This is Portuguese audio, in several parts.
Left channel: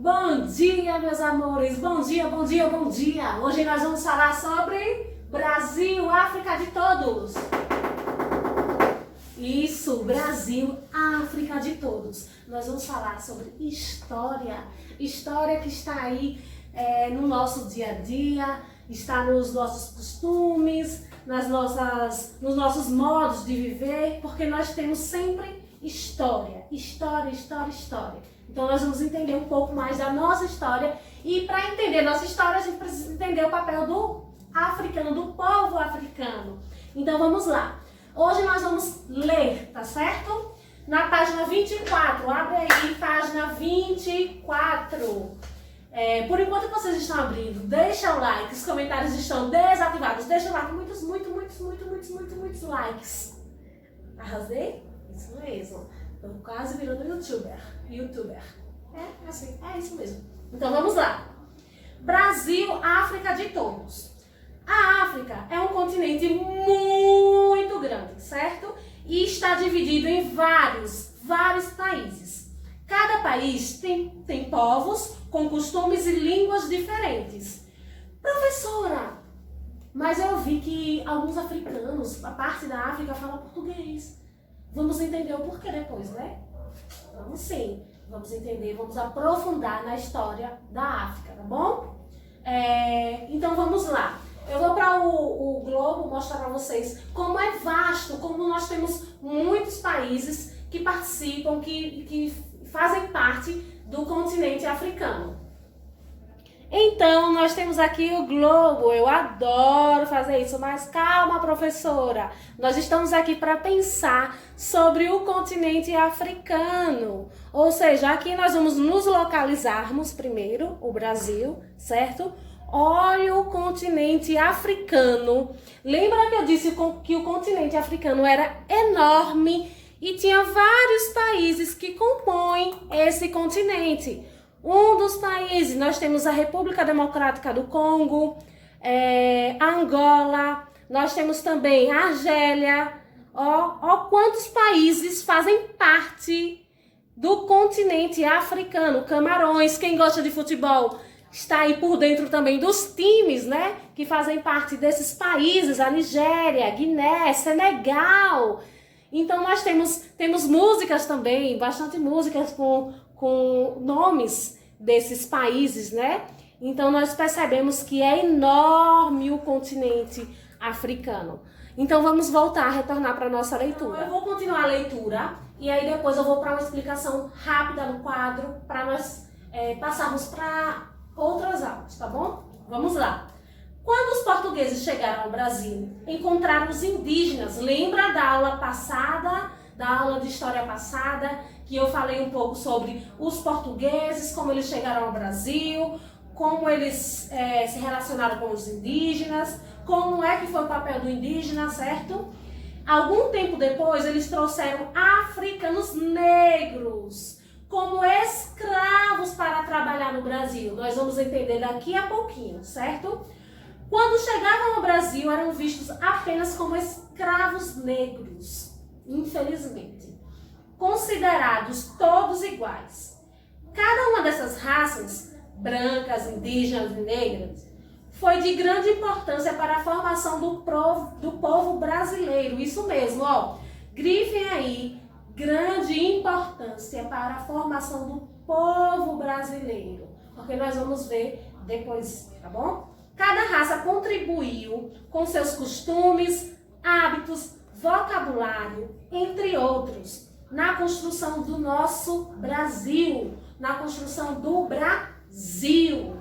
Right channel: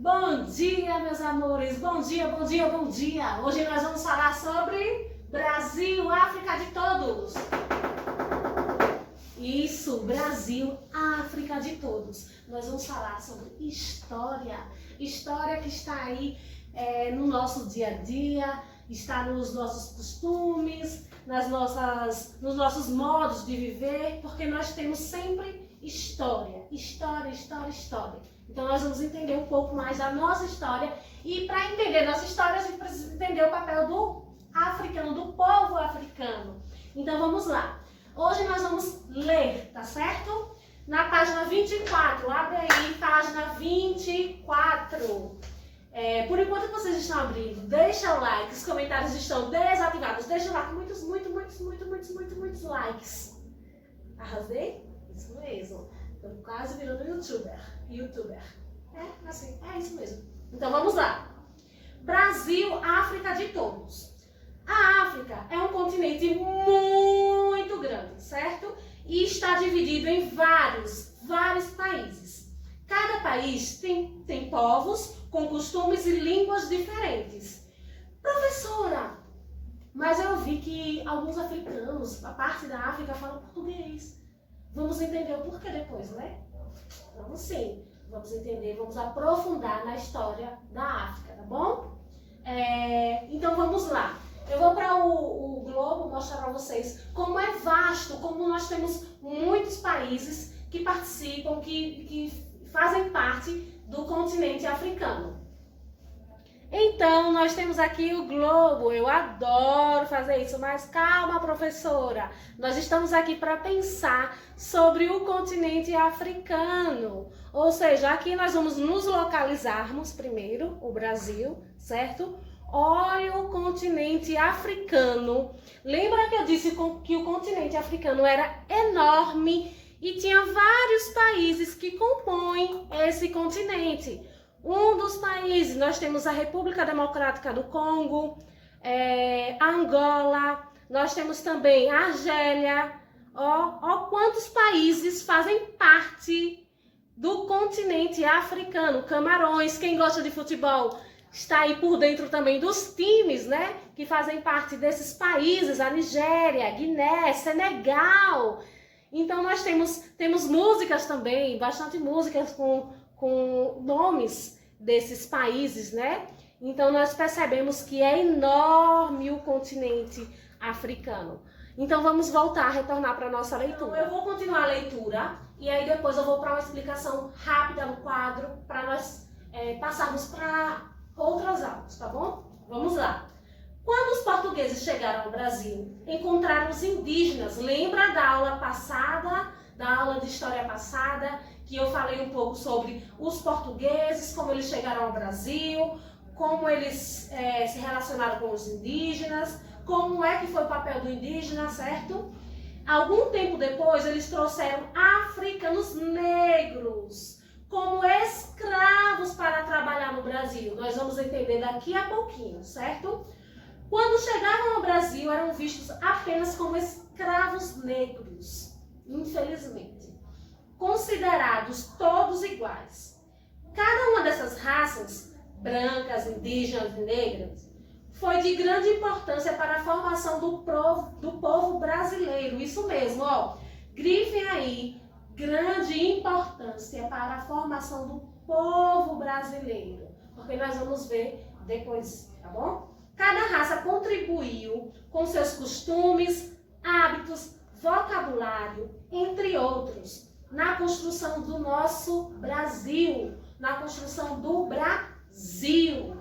Bom dia, meus amores! Bom dia, bom dia, bom dia! Hoje nós vamos falar sobre Brasil, África de todos! Isso, Brasil, África de todos! Nós vamos falar sobre história, história que está aí no nosso dia a dia, está nos nossos costumes, nos nossos modos de viver, porque nós temos sempre história, história, história, história. Então nós vamos entender um pouco mais da nossa história e para entender nossa história a gente precisa entender o papel do africano, do povo africano. Então vamos lá. Hoje nós vamos ler, tá certo? Na página 24, abre aí, página 24. Por enquanto que vocês estão abrindo, deixa o like, os comentários estão desativados, deixa o like, muitos likes. Arrasei? Isso mesmo. Tô quase virando youtuber. É assim, é isso mesmo. Então vamos lá. Brasil, África de todos. A África é um continente muito grande, certo? E está dividido em vários países. Cada país tem povos com costumes e línguas diferentes. Professora, mas eu vi que alguns africanos, a parte da África, fala português. Vamos entender o porquê depois, né? Vamos sim, vamos entender, vamos aprofundar na história da África, tá bom? Então vamos lá. Eu vou para o globo mostrar para vocês como é vasto, como nós temos muitos países que participam, que fazem parte do continente africano. Então, nós temos aqui o globo. Eu adoro fazer isso, mas calma, professora. Nós estamos aqui para pensar sobre o continente africano. Ou seja, aqui nós vamos nos localizarmos primeiro, o Brasil, certo? Olha o continente africano. Lembra que eu disse que o continente africano era enorme e tinha vários países que compõem esse continente. Um dos países, nós temos a República Democrática do Congo, Angola, nós temos também a Argélia. Ó quantos países fazem parte do continente africano. Camarões, quem gosta de futebol está aí por dentro também dos times, né? Que fazem parte desses países, a Nigéria, Guiné, Senegal. Então nós temos músicas também, bastante músicas com nomes desses países, né? Então nós percebemos que é enorme o continente africano. Então vamos voltar, retornar para a nossa leitura. Então, eu vou continuar a leitura e aí depois eu vou para uma explicação rápida no quadro para nós passarmos para outras aulas, tá bom? Vamos lá. Quando os portugueses chegaram ao Brasil, encontraram os indígenas. Lembra da aula passada, da aula de história passada, que eu falei um pouco sobre os portugueses, como eles chegaram ao Brasil, como eles se relacionaram com os indígenas, como é que foi o papel do indígena, certo? Algum tempo depois, eles trouxeram africanos negros como escravos para trabalhar no Brasil. Nós vamos entender daqui a pouquinho, certo? Quando chegavam ao Brasil, eram vistos apenas como escravos negros, infelizmente, considerados todos iguais. Cada uma dessas raças, brancas, indígenas e negras, foi de grande importância para a formação do povo brasileiro. Isso mesmo, ó, grifem aí, grande importância para a formação do povo brasileiro, porque nós vamos ver depois, tá bom? Cada raça contribuiu com seus costumes, hábitos, vocabulário, entre outros, na construção do nosso Brasil, na construção do Brasil.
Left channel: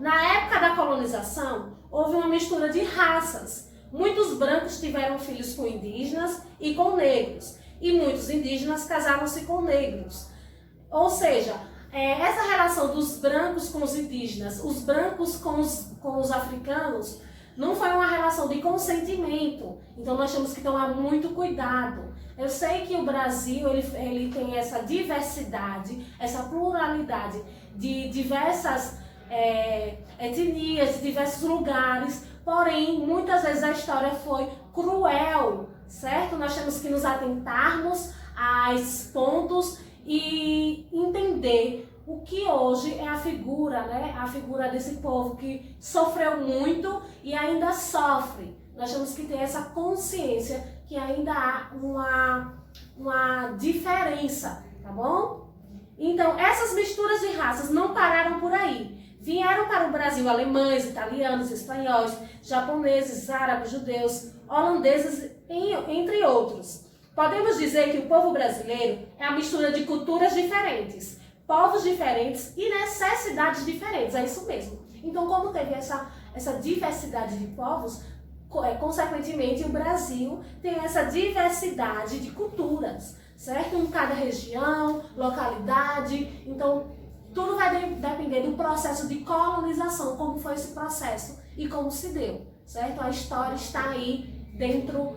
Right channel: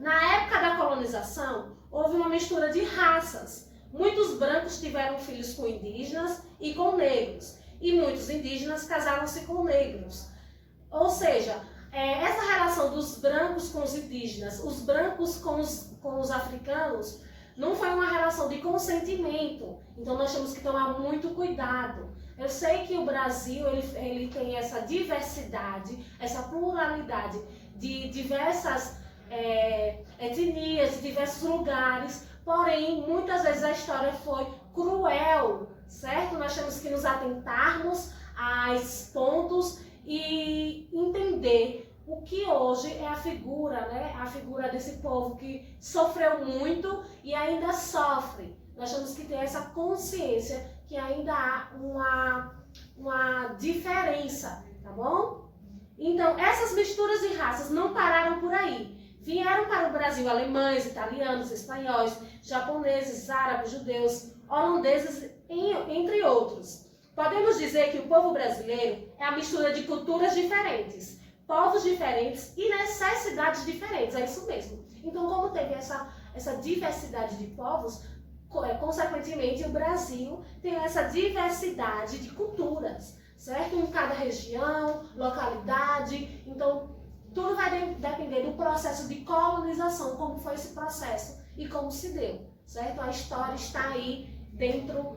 Na época da colonização, houve uma mistura de raças. Muitos brancos tiveram filhos com indígenas e com negros, e muitos indígenas casaram-se com negros. Ou seja, essa relação dos brancos com os indígenas, os brancos com os africanos, não foi uma relação de consentimento. Então nós temos que tomar muito cuidado. Eu sei que o Brasil ele tem essa diversidade, essa pluralidade de diversas etnias, de diversos lugares, porém muitas vezes a história foi cruel, certo? Nós temos que nos atentarmos a esses pontos e entender o que hoje é a figura, né? A figura desse povo que sofreu muito e ainda sofre. Nós temos que ter essa consciência que ainda há uma diferença, tá bom? Então, essas misturas de raças não pararam por aí. Vieram para o Brasil alemães, italianos, espanhóis, japoneses, árabes, judeus, holandeses, entre outros. Podemos dizer que o povo brasileiro é a mistura de culturas diferentes, povos diferentes e necessidades diferentes, é isso mesmo. Então, como teve essa diversidade de povos, consequentemente o Brasil tem essa diversidade de culturas, certo? Em cada região, localidade, então tudo vai depender do processo de colonização, como foi esse processo e como se deu, certo? A história está aí dentro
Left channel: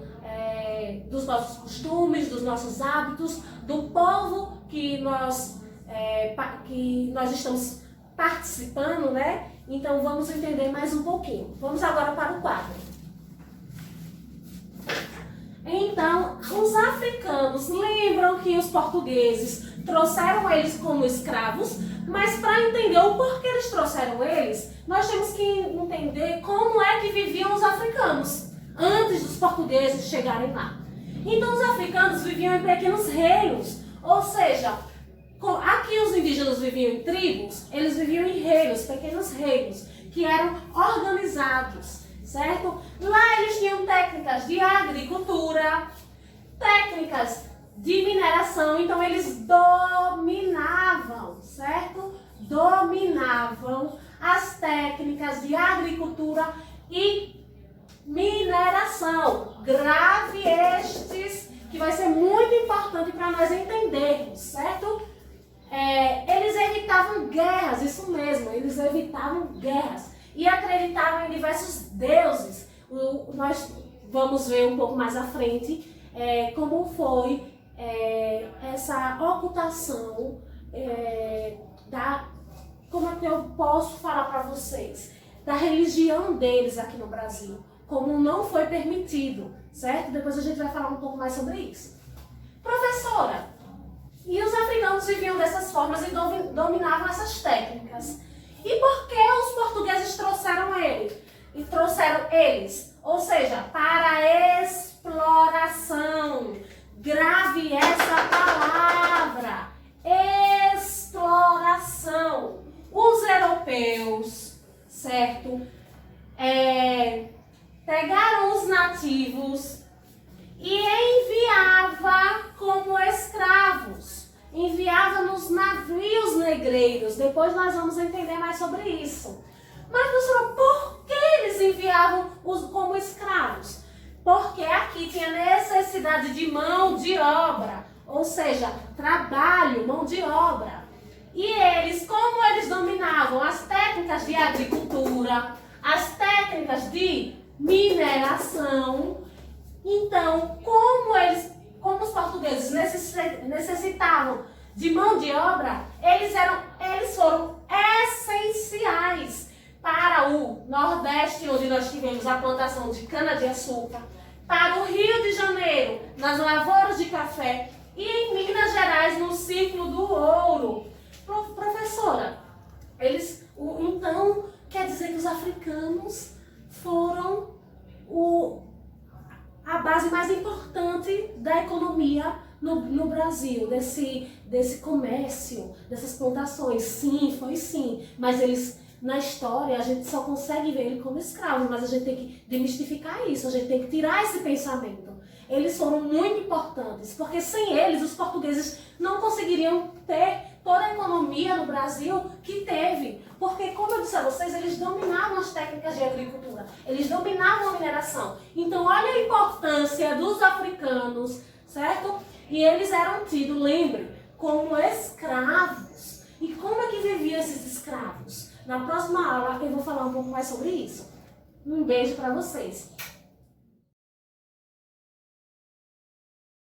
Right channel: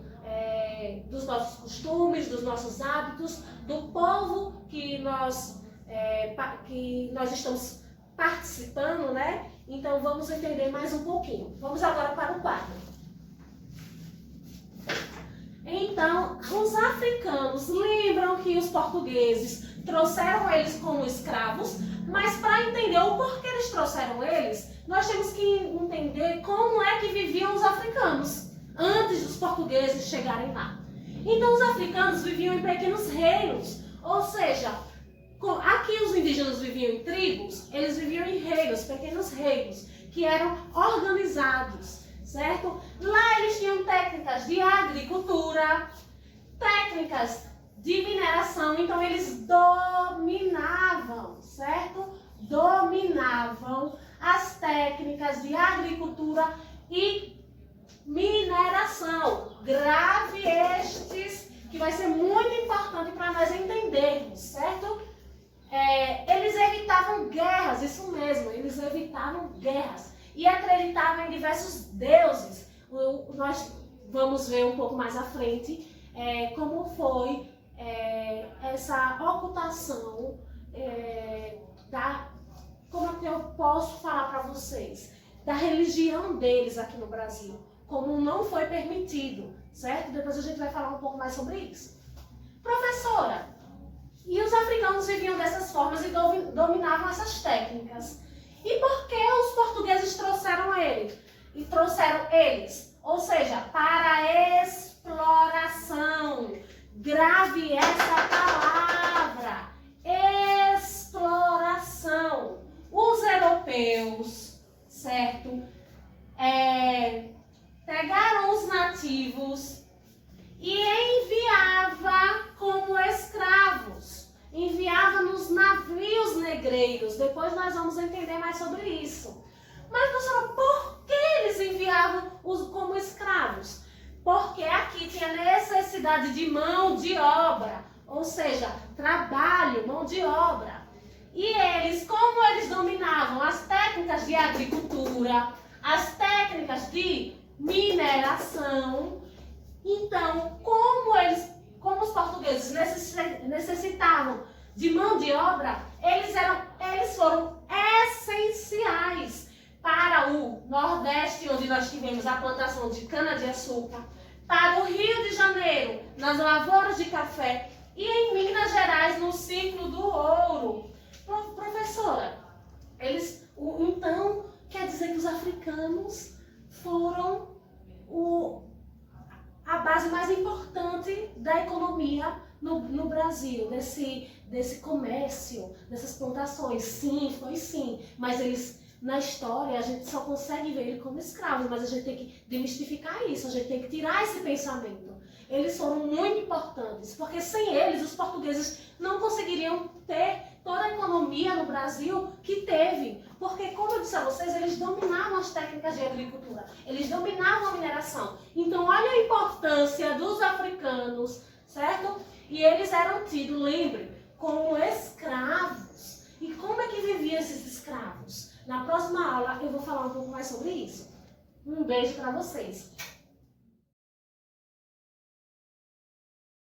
dos nossos costumes, dos nossos hábitos, do povo que nós estamos participando, né? Então vamos entender mais um pouquinho. Vamos agora para o quadro. Então, os africanos lembram que os portugueses trouxeram eles como escravos, mas para entender o porquê eles trouxeram eles, nós temos que entender como é que viviam os africanos antes dos portugueses chegarem lá. Então, os africanos viviam em pequenos reinos, ou seja, aqui os indígenas viviam em tribos, eles viviam em reinos, pequenos reinos, que eram organizados, certo? Lá eles tinham técnicas de agricultura, técnicas de mineração, então eles dominavam, certo? Dominavam as técnicas de agricultura e mineração. Grave estes, que vai ser muito importante para nós entendermos, certo? Eles evitavam guerras, isso mesmo, eles evitavam guerras e acreditavam em diversos deuses. Nós vamos ver um pouco mais à frente como foi essa ocultação como é que eu posso falar para vocês, da religião deles aqui no Brasil, como não foi permitido, certo? Depois a gente vai falar um pouco mais sobre isso. Professora, e os africanos viviam dessas formas e dominavam essas técnicas. E por que os portugueses trouxeram eles? Ou seja, para exploração. Grave essa palavra. Exploração. Os europeus, certo? Pegaram os nativos e enviava como escravos. Enviava nos navios negreiros. Depois nós vamos entender mais sobre isso. Mas, professora, por que eles enviavam como escravos? Porque aqui tinha necessidade de mão de obra, ou seja, trabalho, mão de obra. E eles, como eles dominavam as técnicas de agricultura, as técnicas de mineração, então, como os portugueses necessitavam de mão de obra, eles foram essenciais para o Nordeste, onde nós tivemos a plantação de cana-de-açúcar, para o Rio de Janeiro, nas lavouras de café, e em Minas Gerais, no ciclo do ouro. Professora, então quer dizer que os africanos foram a base mais importante da economia no Brasil, desse comércio, dessas plantações. Sim, foi sim, mas eles, na história, a gente só consegue ver ele como escravo, mas a gente tem que demistificar isso, a gente tem que tirar esse pensamento. Eles foram muito importantes, porque sem eles os portugueses não conseguiriam ter toda a economia no Brasil que teve. Porque, como eu disse a vocês, eles dominavam as técnicas de agricultura, eles dominavam a mineração. Então, olha a importância dos africanos, certo? E eles eram tidos, lembre, como escravos. E como é que viviam esses escravos? Na próxima aula eu vou falar um pouco mais sobre isso. Um beijo para vocês.